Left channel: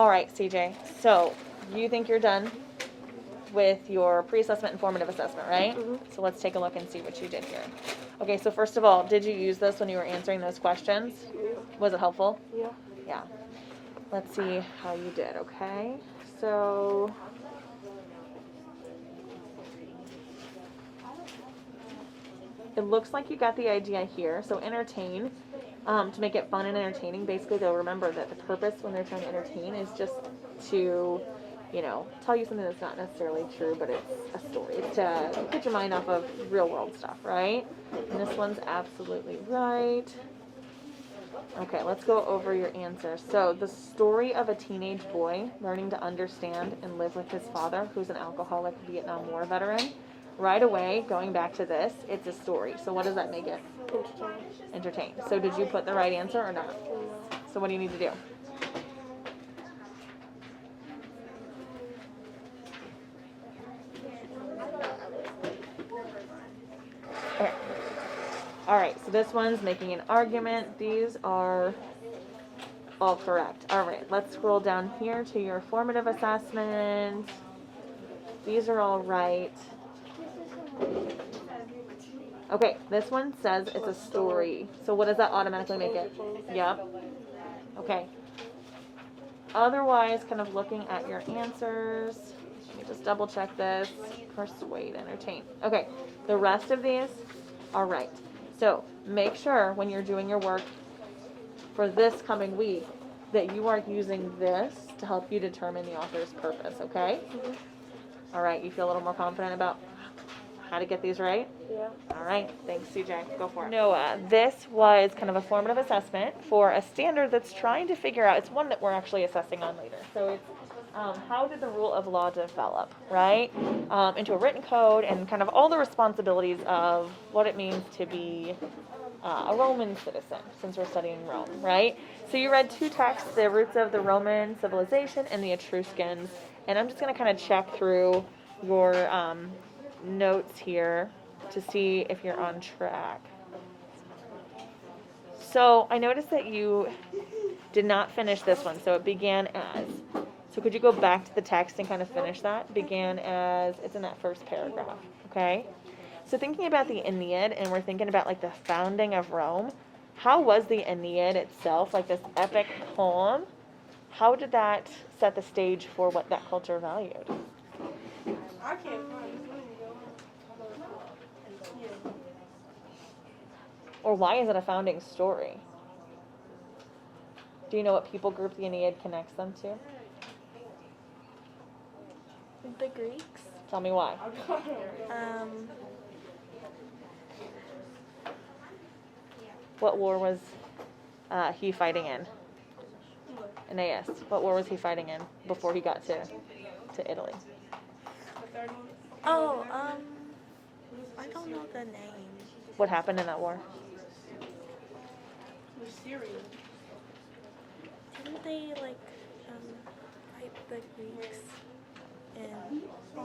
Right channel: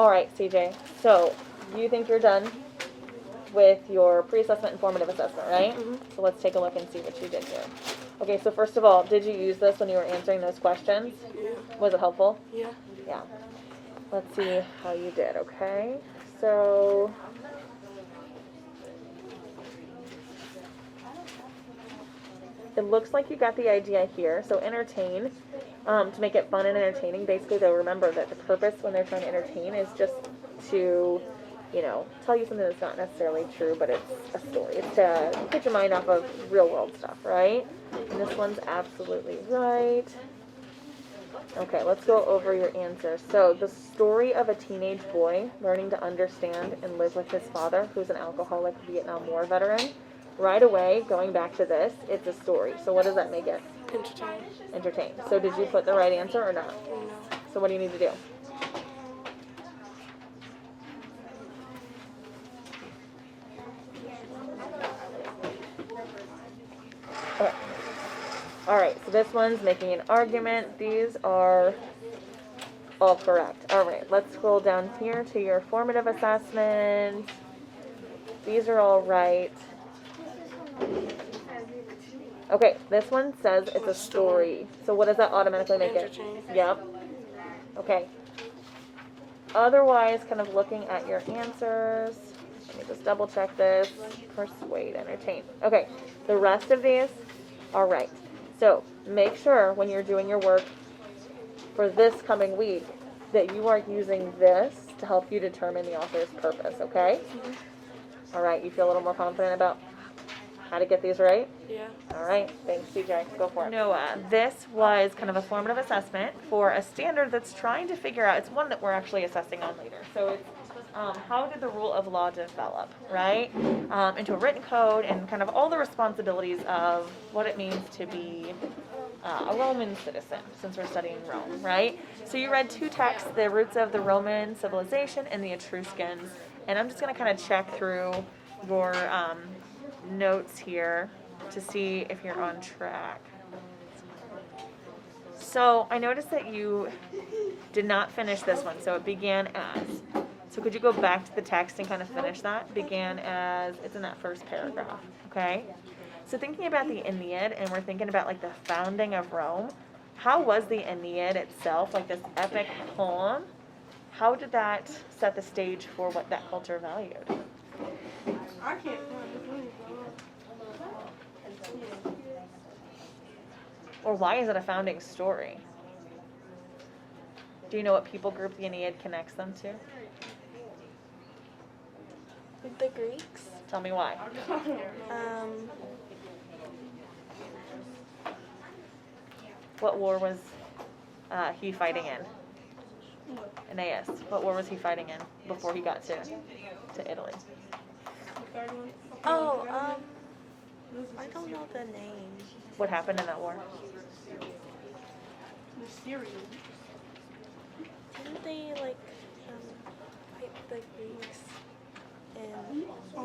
All right, CJ. So you think you're done with your pre-assessment and formative assessment, right? Mm-hmm. So let's take a look and see what you did here. Okay, so first of all, did you use this when you were answering those questions? Yeah. Was it helpful? Yeah. Yeah. Let's see how you did, okay? So it looks like you got the idea here. So entertain, to make it fun and entertaining, basically they'll remember that the purpose when they're trying to entertain is just to, you know, tell you something that's not necessarily true, but it's a story. It's to get your mind off of real world stuff, right? And this one's absolutely right. Okay, let's go over your answers. So the story of a teenage boy learning to understand and live with his father, who's an alcoholic Vietnam War veteran. Right away, going back to this, it's a story. So what does that make it? Entertain. Entertain. So did you put the right answer or not? No. So what do you need to do? Okay. All right, so this one's making an argument. These are all correct. All right, let's scroll down here to your formative assessment. These are all right. Okay, this one says it's a story. So what does that automatically make it? Entertain. Yep. Okay. Otherwise, kind of looking at your answers, let me just double check this. Persuade, entertain. Okay, the rest of these are right. So make sure when you're doing your work for this coming week that you are using this to help you determine the author's purpose, okay? Mm-hmm. All right, you feel a little more confident about how to get these right? Yeah. All right, thanks, CJ. Go for it. Noah, this was kind of a formative assessment for a standard that's trying to figure out, it's one that we're actually assessing on later. So it's how did the rule of law develop, right? Into a written code and kind of all the responsibilities of what it means to be a Roman citizen, since we're studying Rome, right? So you read two texts, the roots of the Roman civilization and the Etruscans, and I'm just going to kind of check through your notes here to see if you're on track. So I noticed that you did not finish this one, so it began as. So could you go back to the text and kind of finish that? Began as, it's in that first paragraph, okay? So thinking about the Aeneid, and we're thinking about like the founding of Rome, how was the Aeneid itself, like this epic poem, how did that set the stage for what that culture valued? I can't find Or why is it a founding story? Do you know what people group the Aeneid connects them to? The Greeks. Tell me why. What war was he fighting in? Aeneas. What war was he fighting in before he got to Italy? Oh, I don't know the name. What happened in that war? Didn't they like fight the Greeks and I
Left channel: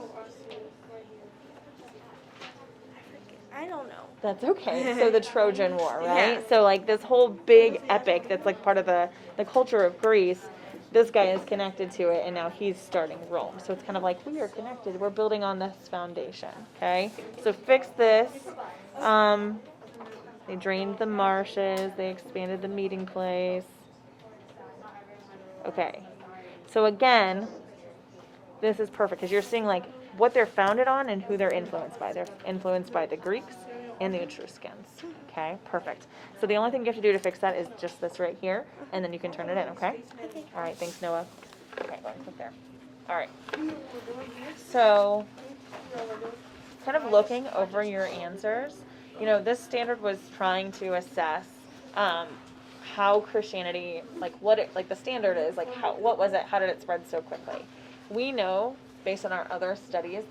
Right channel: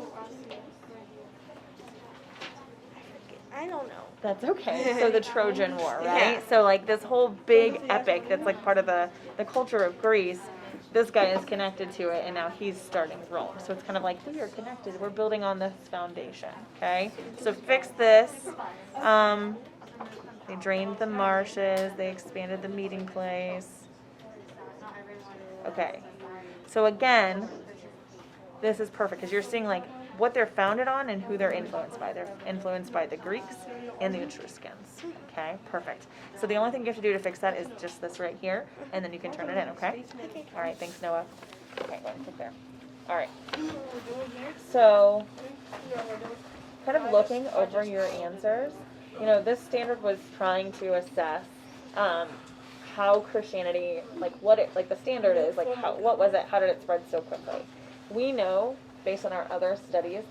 forget. I don't know. That's okay. So the Trojan War, right? Yeah. So like this whole big epic that's like part of the culture of Greece, this guy is connected to it and now he's starting Rome. So it's kind of like we are connected. We're building on this foundation, okay? So fix this. They drained the marshes. They expanded the meeting place. Okay. So again, this is perfect because you're seeing like what they're founded on and who they're influenced by. They're influenced by the Greeks and the Etruscans. Okay, perfect. So the only thing you have to do to fix that is just this right here, and then you can turn it in, okay? All right, thanks, Noah. Okay, right there. All right. So, kind of looking over your answers, you know, this standard was trying to assess how Christianity, like what it, like the standard is, like how, what was it, how did it spread so quickly? We know, based on our other studies,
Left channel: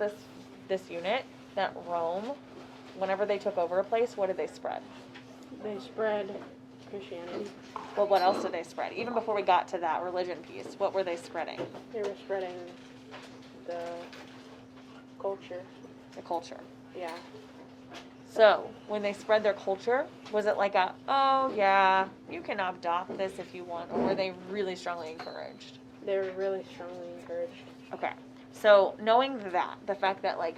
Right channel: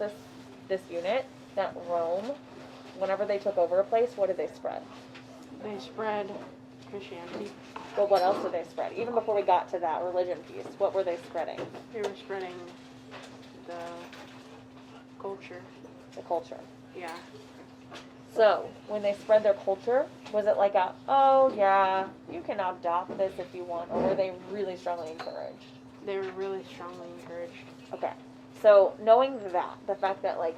this unit, that Rome, whenever they took over a place, what did they spread? They spread Christianity. But what else did they spread? Even before we got to that religion piece, what were they spreading? They were spreading the culture. The culture. Yeah. So, when they spread their culture, was it like a, oh yeah, you can adopt this if you want, or were they really strongly encouraged? They were really strongly encouraged. Okay. So knowing that, the fact that like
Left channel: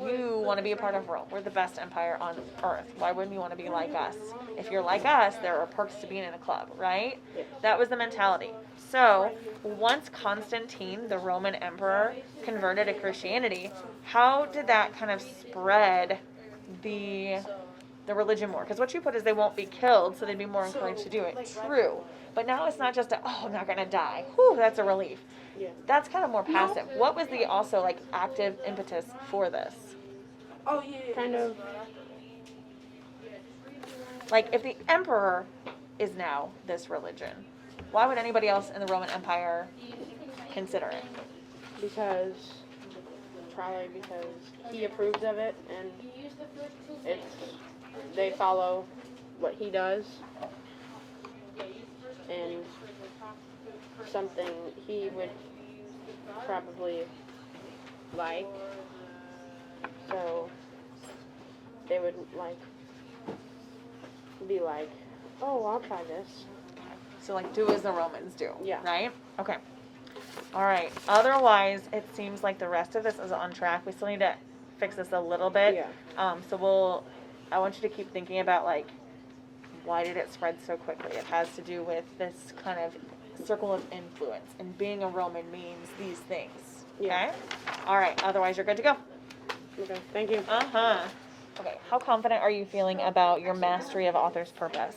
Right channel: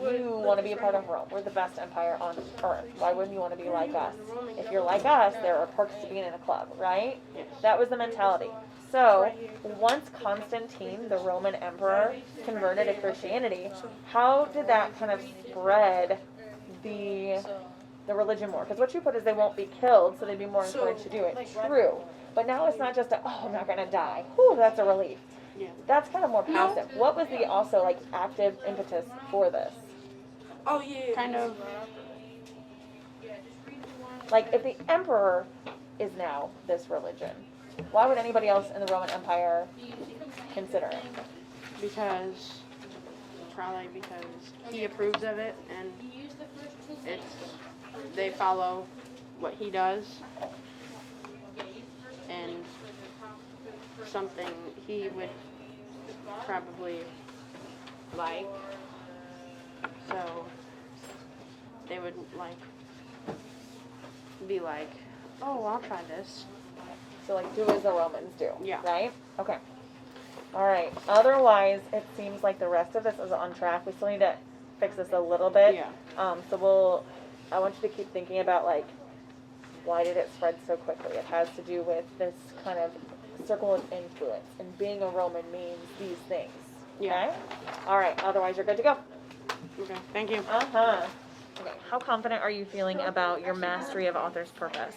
you want to be a part of Rome, we're the best empire on earth. Why wouldn't you want to be like us? If you're like us, there are perks to being in a club, right? Yes. That was the mentality. So once Constantine, the Roman emperor, converted to Christianity, how did that kind of spread the religion more? Because what you put is they won't be killed, so they'd be more encouraged to do it. True. But now it's not just I'm not going to die. Whew, that's a relief. Yeah. That's kind of more passive. What was the also like active impetus for this? Oh yeah. Kind of. Like if the emperor is now this religion, why would anybody else in the Roman Empire consider it? Probably because he approves of it, and they follow what he does, and something he would probably like, so they would be like, oh, I'll try this. So like do as the Romans do. Yeah. Right? Okay. All right. Otherwise, it seems like the rest of this is on track. We still need to fix this a little bit. Yeah. So I want you to keep thinking about like, why did it spread so quickly? It has to do with this kind of circle of influence, and being a Roman means these things. Okay? Yeah. All right. Otherwise, you're good to go. Okay, thank you. Uh-huh. Okay. How confident are you feeling about your mastery of author's purpose?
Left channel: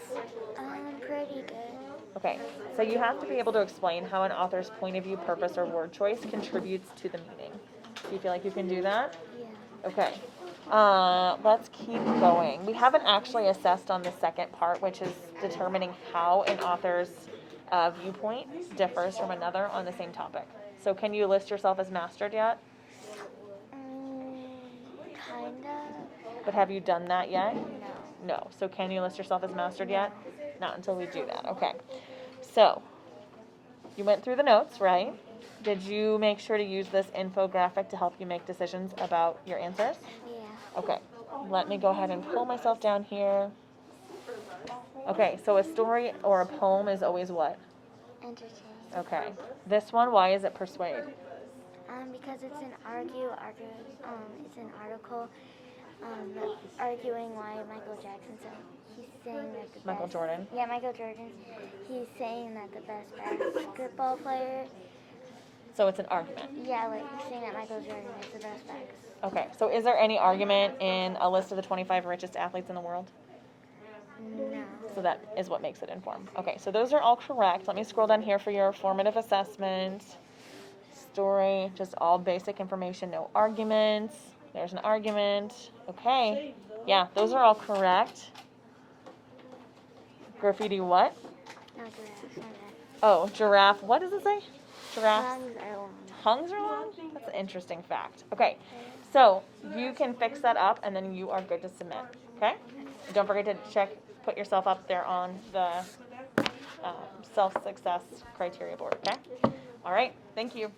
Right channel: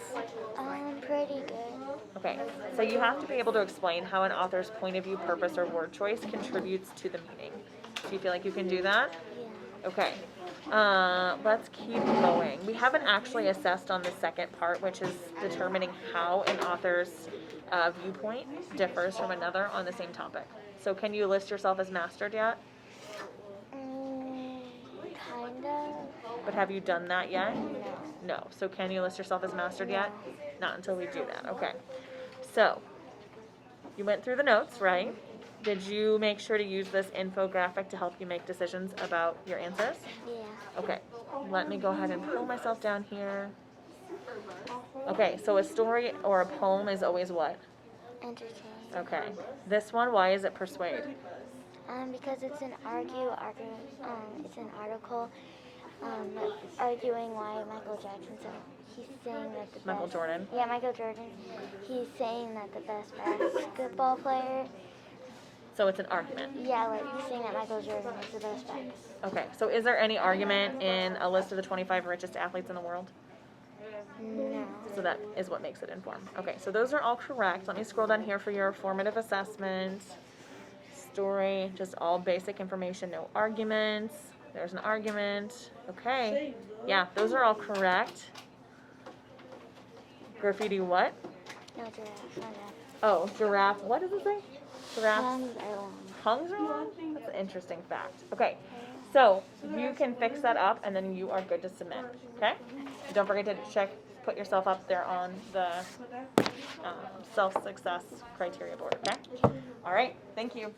Pretty good. Okay, so you have to be able to explain how an author's point of view, purpose, or word choice contributes to the meaning. Do you feel like you can do that? Yeah. Okay, let's keep going. We haven't actually assessed on the second part, which is determining how an author's viewpoint differs from another on the same topic. So can you list yourself as mastered yet? Kind of. But have you done that yet? No. No. So can you list yourself as mastered No. yet? Not until we do that. Okay. So, you went through the notes, right? Did you make sure to use this infographic to help you make decisions about your answers? Yeah. Okay. Let me go ahead and pull myself down here. Okay, so a story or a poem is always what? Entertaining. Okay. This one, why is it persuade? Because it's an it's an article arguing why Michael Jackson. So he's saying that the Michael best. Jordan. Yeah, Michael Jordan. He's saying that the best basketball player. So it's an argument. Yeah, like he's saying that Michael Jordan is the best basketball. Okay, so is there any argument in a list of the 25 richest athletes in the world? No. So that is what makes it informed. Okay, so those are all correct. Let me scroll down here for your formative assessment. Story, just all basic information, no arguments. There's an argument. Okay. Yeah, those are all correct. Graffiti what? No giraffe. No giraffe. Oh, giraffe. What does it say? Giraffe. Lungs are long. Tongues are long? That's an interesting fact. Okay, so you can fix that up and then you are good to submit. Okay? Don't forget to put yourself up there on the self-success criteria board. Okay? All right. Thank you.